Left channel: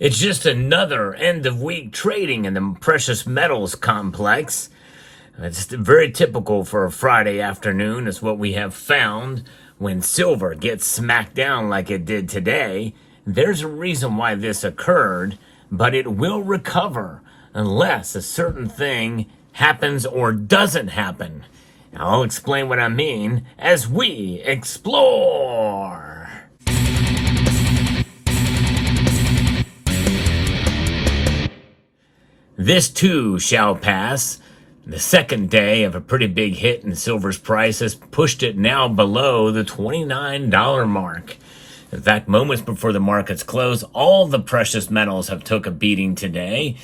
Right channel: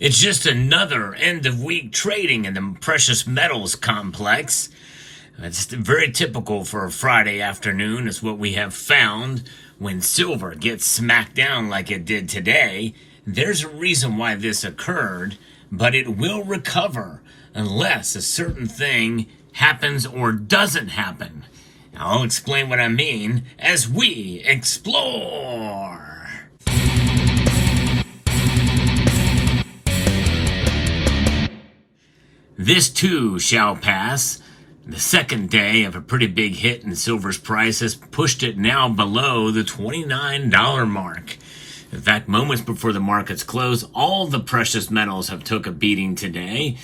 It's just another end of week trading in the precious metals complex. It's very typical for a Friday afternoon, is what we have found when silver gets smacked down like it did today. There's a reason why this occurred, but it will recover unless a certain thing happens or doesn't happen. I'll explain what I mean as we explore. This too shall pass. The second day of a pretty big hit in silver's price has pushed it now below the $29 mark. In fact, moments before the markets close, all the precious metals have took a beating today,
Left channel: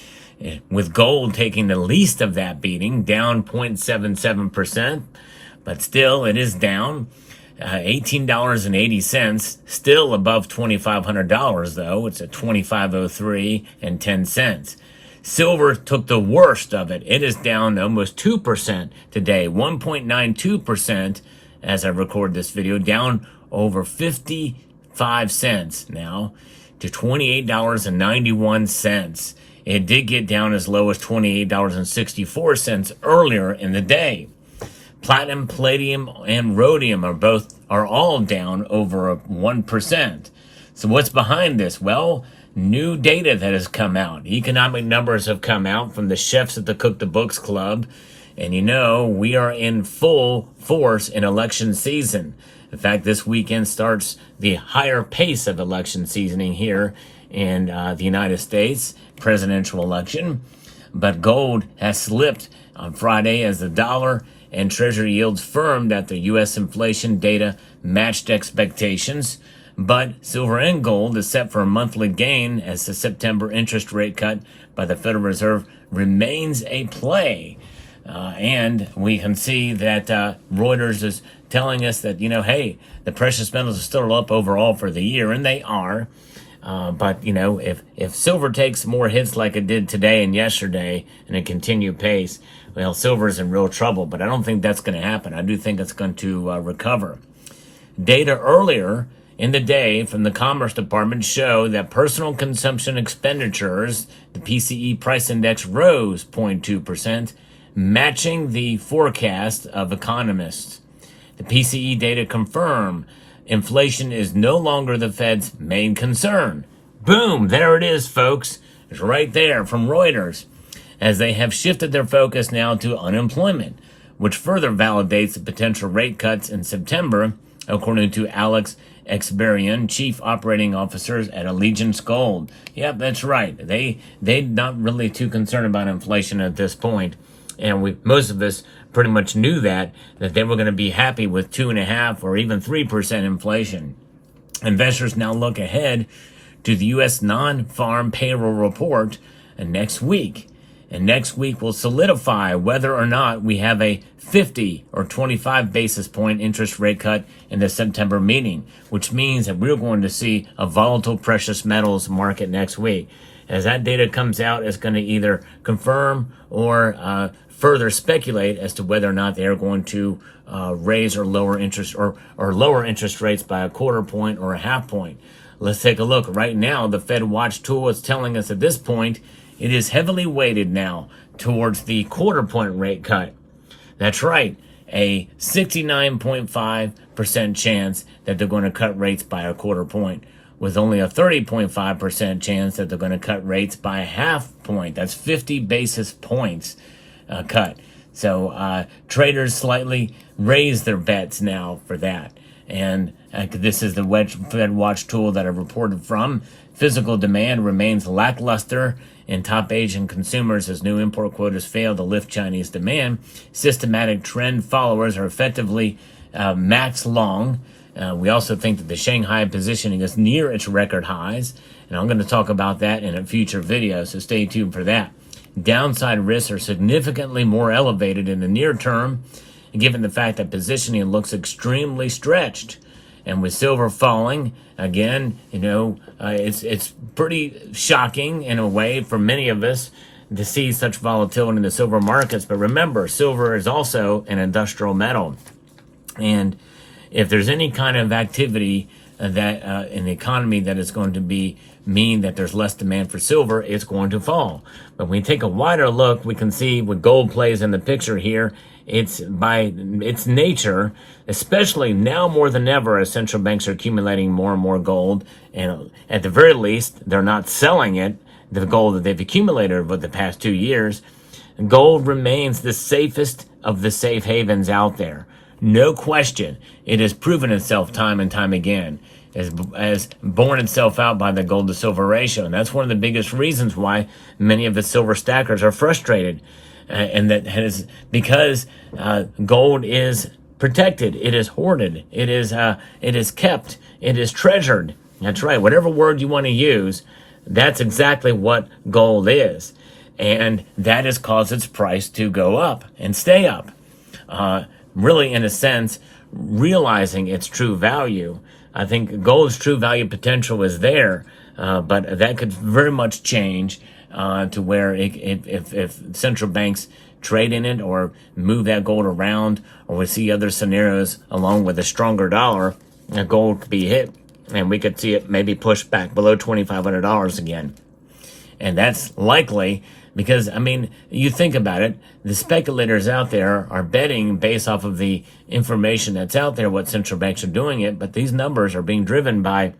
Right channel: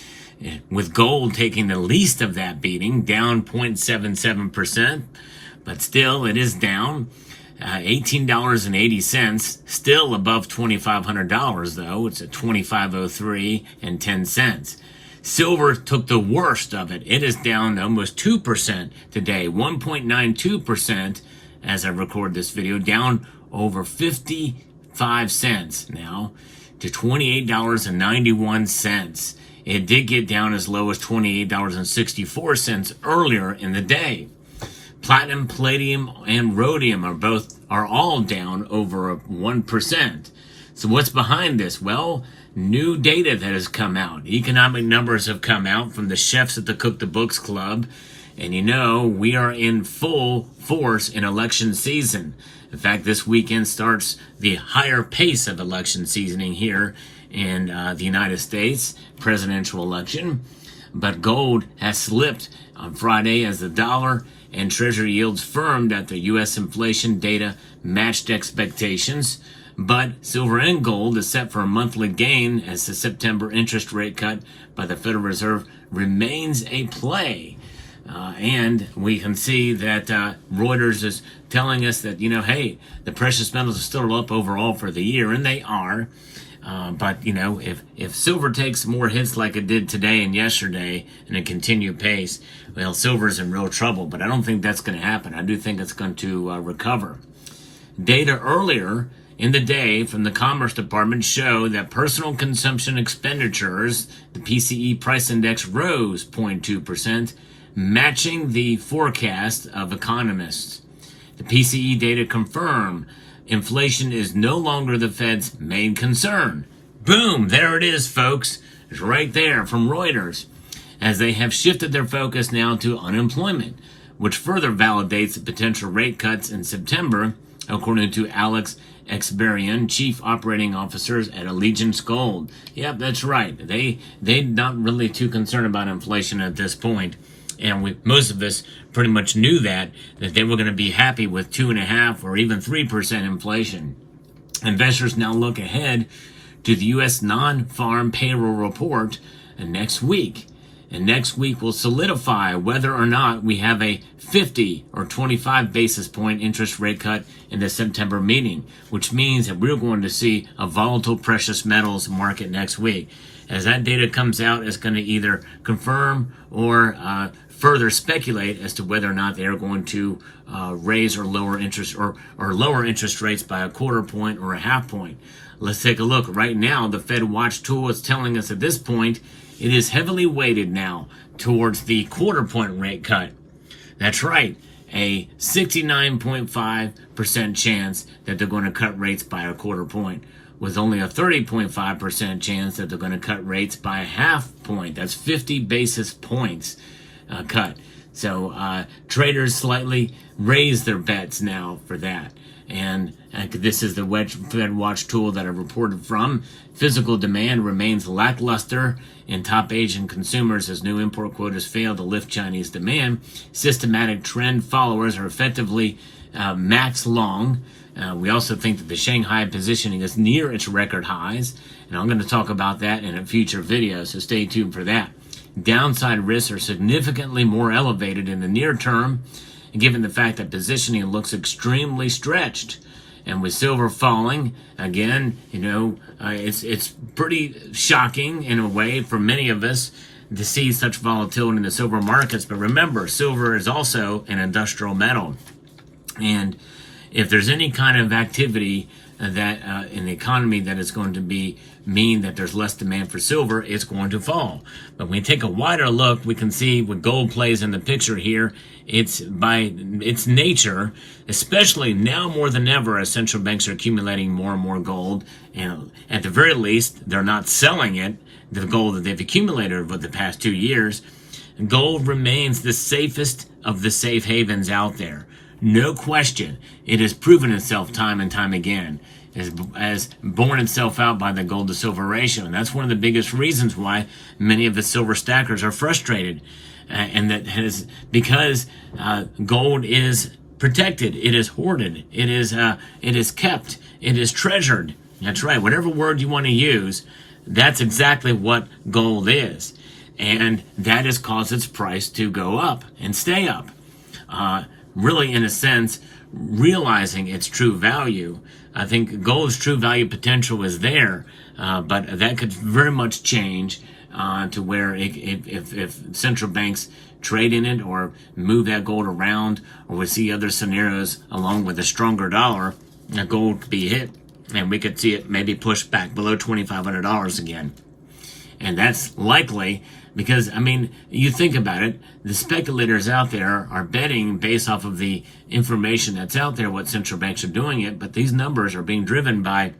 with gold taking the least of that beating, down 0.77%, but still it is down. $18.80, still above $2,500 though. It's at $25.03 and 10 cents. Silver took the worst of it. It is down almost 2% today, 1.92% as I record this video, down over 55 cents now to $28.91. It did get down as low as $28.64 earlier in the day. Platinum, palladium, and rhodium are all down over 1%. So what's behind this? Well, new data that has come out. Economic numbers have come out from the chefs at the Cook the Books Club. And you know, we are in full force in election season. In fact, this weekend starts the higher pace of election seasoning here in the United States, presidential election. But gold has slipped on Friday as the dollar and treasury yields firmed after U.S. inflation data matched expectations. But silver and gold is set for a monthly gain as the September interest rate cut by the Federal Reserve remains a play. And we can see that Reuters is telling us that, hey, the precious metals are still up overall for the year, and they are. But, if silver takes more hits like it did today and yesterday in a continued pace, well, silver's in real trouble. But I don't think that's going to happen. I do think it's going to recover. Data earlier in the day from the Commerce Department show that personal consumption expenditures, the PCE price index, rose 0.2%, matching the forecast of economists. The PCE data confirm inflation is no longer the Fed's main concern. Boom, there it is, folks. It's right there from Reuters, as they have shifted their focus now to unemployment, which further validates the potential rate cuts in September, according to Alex Exberian, chief operating officers at Allegiance Gold. Yep, that's right. They're not really too concerned about inflation at this point. And most of us pretty much knew that they were going to be happy with 2.5% or even 3% inflation. Investors now look ahead to the U.S. non-farm payroll report next week. And next week will solidify whether or not we have a 50 or 25 basis point interest rate cut in the September meeting, which means that we're going to see a volatile precious metals market next week. As that data comes out, it's going to either confirm or further speculate as to whether or not they are going to raise or lower interest or lower interest rates by a quarter point or a half point. Let's take a look. Right now, the Fed Watch tool is telling us at this point it is heavily weighted now towards the quarter point rate cut. That's right, a 69.5% chance that they're going to cut rates by a quarter point, with only a 30.5% chance that they're going to cut rates by a half point. That's 50 basis points cut. So traders slightly raise their bets now for that. And this is the Fed Watch tool that I reported from. Physical demand remains lackluster in top Asian consumers as new import quotas fail to lift Chinese demand. Systematic trend followers are effectively max long. We also think that the Shanghai positioning is near its record highs. And I'm going to talk about that in a future video, so stay tuned for that. Downside risks are significantly more elevated in the near term, given the fact that positioning looks extremely stretched. And with silver falling, again, it's pretty shocking in a way for many of us to see such volatility in the silver markets. But remember, silver is also an industrial metal. And if there's any kind of activity that in the economy that is going to mean that there's less demand for silver, it's going to fall. But when we take a wider look, we can see what gold plays in the picture here. It's by its nature, especially now more than ever, as central banks are accumulating more and more gold, and at the very least, they're not selling it, the gold that they've accumulated over the past 2 years. Gold remains the safest of the safe havens out there. No question. It has proven itself time and time again, as borne itself out by the gold to silver ratio. And that's one of the biggest reasons why many of the silver stackers are frustrated. And that is because gold is protected, it is hoarded, it is kept, it is treasured. That's right. Whatever word you want to use, that's exactly what gold is. And that has caused its price to go up and stay up. Really, in a sense, realizing its true value. I think gold's true value potential is there, but that could very much change to where if central banks trade in it or move that gold around, or we see other scenarios along with a stronger dollar, gold could be hit, and we could see it maybe pushed back below $2,500 again. And that's likely because, I mean, you think about it, the speculators out there are betting based off of the information that's out there, what central banks are doing it, but these numbers are being driven by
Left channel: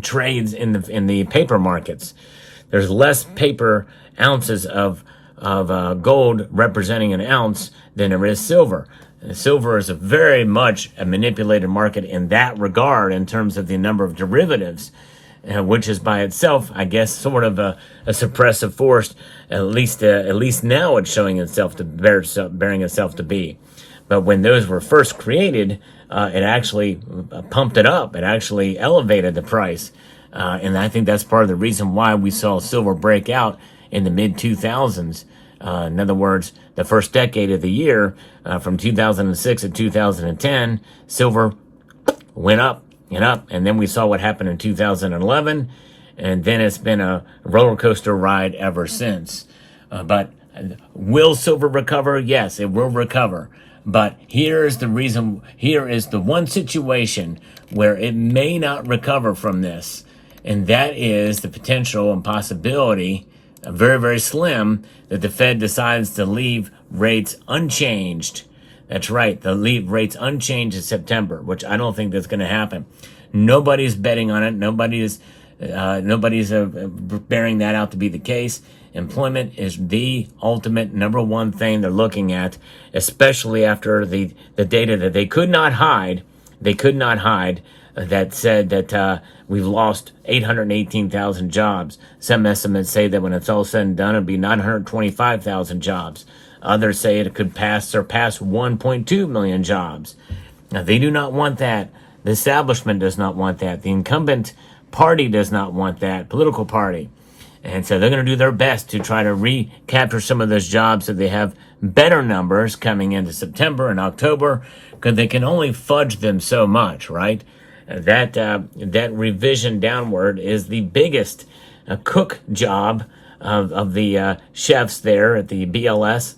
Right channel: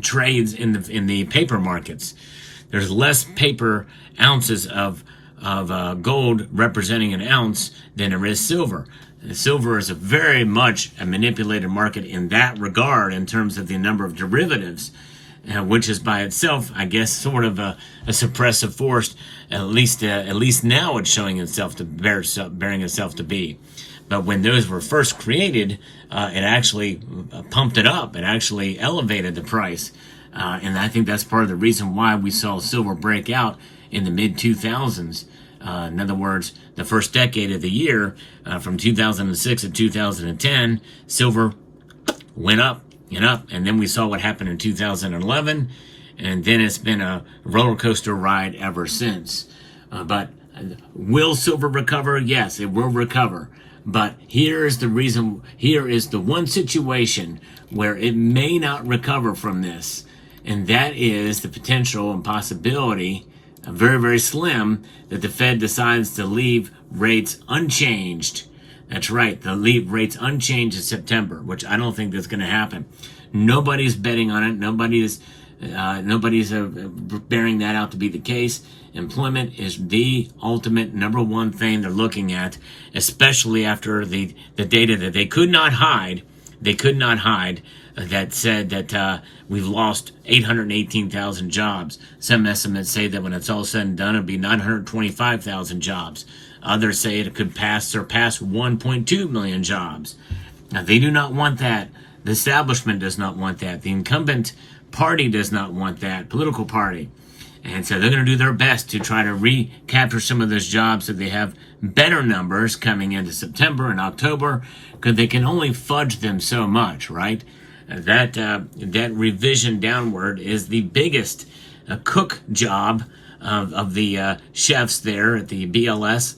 trades in the paper markets. There's less paper ounces of gold representing an ounce than there is silver. And silver is very much a manipulated market in that regard in terms of the number of derivatives, which is by itself, I guess, sort of a suppressive force. At least now it's showing itself to bearing itself to be. But when those were first created, it actually pumped it up. It actually elevated the price. And I think that's part of the reason why we saw silver break out in the mid-2000s. In other words, the first decade of the year, from 2006 to 2010, silver went up and up. And then we saw what happened in 2011. And then it's been a roller coaster ride ever since. But will silver recover? Yes, it will recover. But here is the one situation where it may not recover from this. And that is the potential and possibility, very, very slim, that the Fed decides to leave rates unchanged. That's right, they'll leave rates unchanged in September, which I don't think that's going to happen. Nobody's betting on it. Nobody's bearing that out to be the case. Employment is the ultimate number one thing they're looking at, especially after the data that they could not hide. They could not hide that said that we've lost 818,000 jobs. Some estimates say that when it's all said and done, it'll be 925,000 jobs. Others say it could surpass 1.2 million jobs. Now, they do not want that. The establishment does not want that. The incumbent party does not want that, political party. And so they're going to do their best to try to recapture some of those jobs so they have better numbers coming into September and October, because they can only fudge them so much, right? That revision downward is the biggest cook job of the chefs there at the BLS,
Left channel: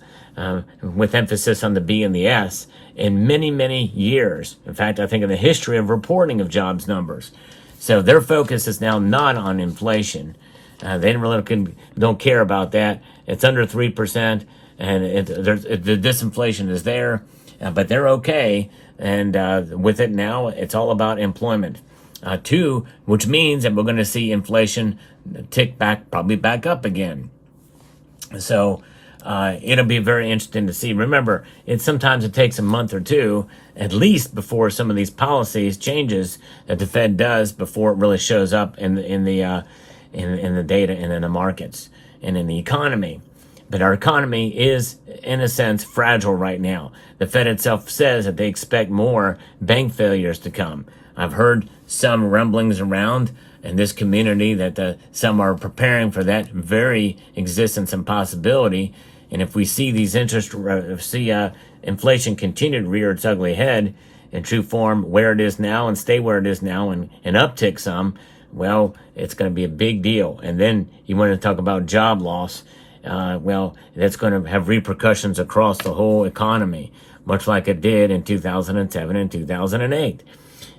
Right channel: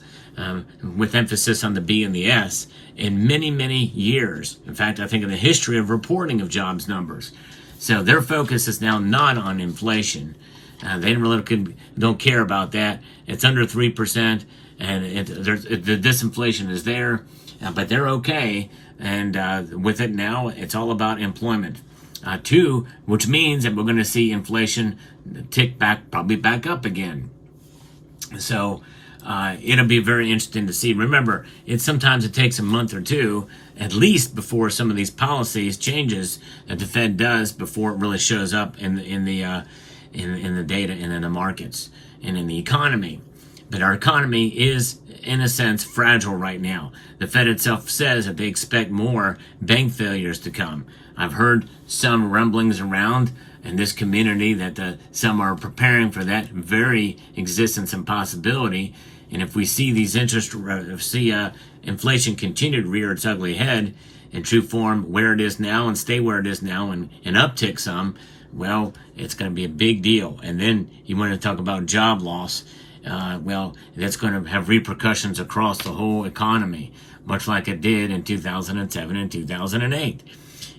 with emphasis on the B and the S, in many, many years. In fact, I think in the history of reporting of jobs numbers. So their focus is now not on inflation. They really don't care about that. It's under 3%, and the disinflation is there, but they're okay. And with it now, it's all about employment. Two, which means that we're going to see inflation tick back, probably back up again. So it'll be very interesting to see. Remember, sometimes it takes a month or two, at least, before some of these policies changes that the Fed does before it really shows up in the data and in the markets and in the economy. But our economy is, in a sense, fragile right now. The Fed itself says that they expect more bank failures to come. I've heard some rumblings around in this community that some are preparing for that very existence and possibility. And if we see these inflation continue to rear its ugly head in true form where it is now and stay where it is now and uptick some, well, it's going to be a big deal. And then you want to talk about job loss. Well, that's going to have repercussions across the whole economy, much like it did in 2007 and 2008.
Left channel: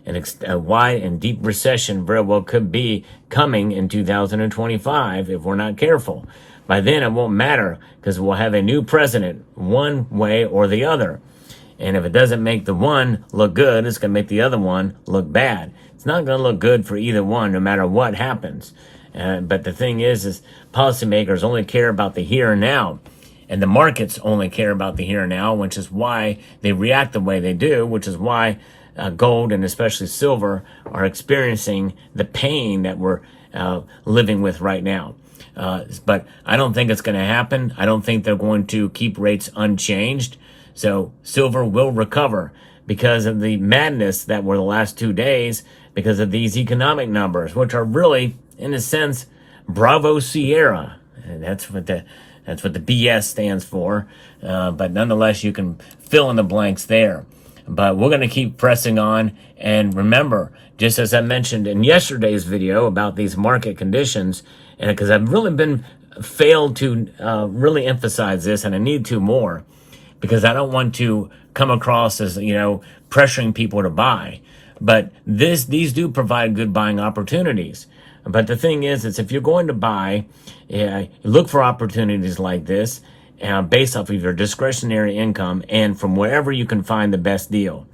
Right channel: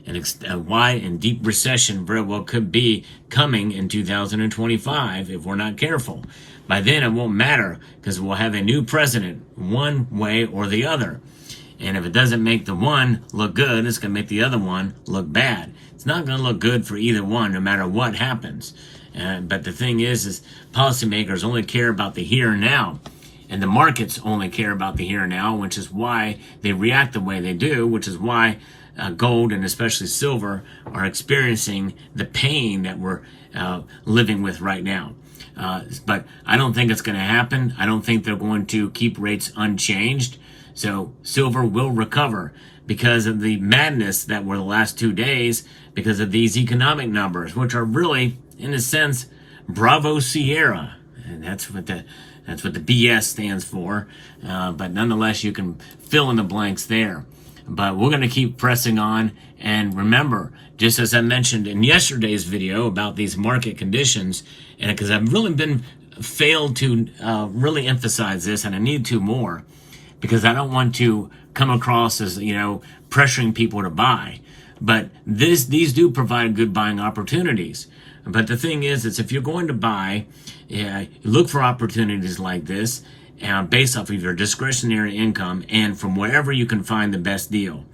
A wide and deep recession very well could be coming in 2025 if we're not careful. By then, it won't matter because we'll have a new president one way or the other. And if it doesn't make the one look good, it's going to make the other one look bad. It's not going to look good for either one, no matter what happens. But the thing is policymakers only care about the here and now. And the markets only care about the here and now, which is why they react the way they do, which is why gold and especially silver are experiencing the pain that we're living with right now. But I don't think it's going to happen. I don't think they're going to keep rates unchanged. So silver will recover because of the madness that were the last 2 days, because of these economic numbers, which are really, in a sense, Bravo Sierra. And that's what the BS stands for. But nonetheless, you can fill in the blanks there. But we're going to keep pressing on. And remember, just as I mentioned in yesterday's video about these market conditions, and because I've really failed to really emphasize this, and I need to more, because I don't want to come across as, pressuring people to buy. But these do provide good buying opportunities. But the thing is if you're going to buy, look for opportunities like this based off of your discretionary income and from wherever you can find the best deal.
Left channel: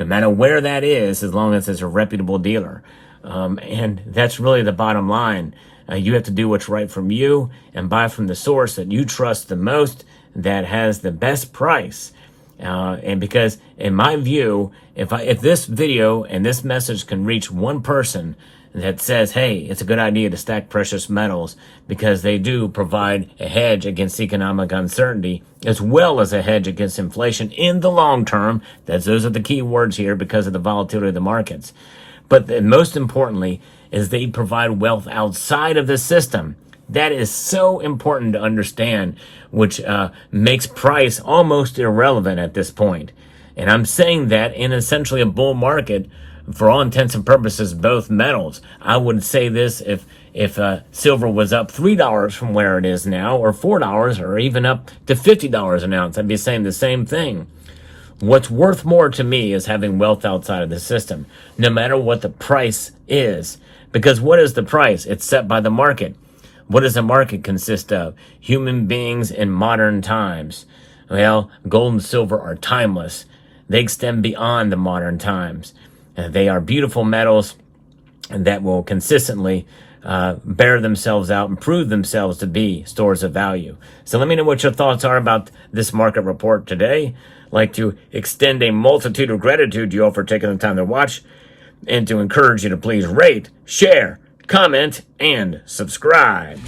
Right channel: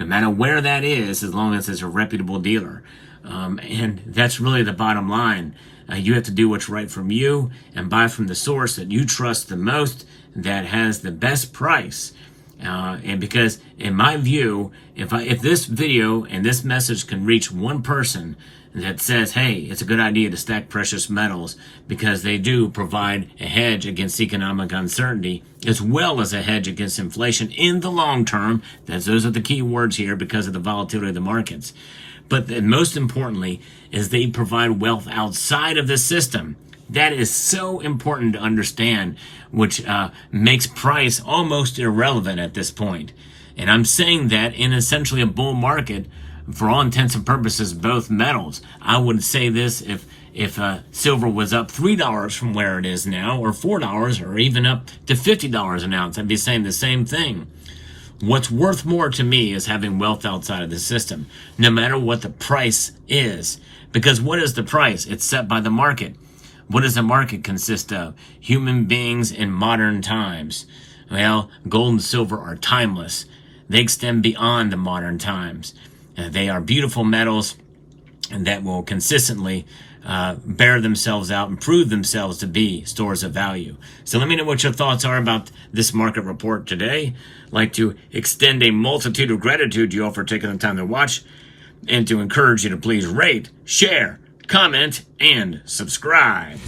No matter where that is, as long as it's a reputable dealer. And that's really the bottom line. You have to do what's right from you and buy from the source that you trust the most, that has the best price. And because in my view, if this video and this message can reach one person that says, hey, it's a good idea to stack precious metals because they do provide a hedge against economic uncertainty as well as a hedge against inflation in the long term. Those are the key words here because of the volatility of the markets. But most importantly is they provide wealth outside of the system. That is so important to understand, which makes price almost irrelevant at this point. And I'm saying that in essentially a bull market, for all intents and purposes, both metals. I would say this if silver was up $3 from where it is now, or $4, or even up to $50 an ounce, I'd be saying the same thing. What's worth more to me is having wealth outside of the system, no matter what the price is. Because what is the price? It's set by the market. What does the market consist of? Human beings in modern times. Well, gold and silver are timeless. They extend beyond the modern times. They are beautiful metals that will consistently bear themselves out and prove themselves to be stores of value. So let me know what your thoughts are about this market report today. I'd like to extend a multitude of gratitude to you all for taking the time to watch, and to encourage you to please rate, share, comment, and subscribe.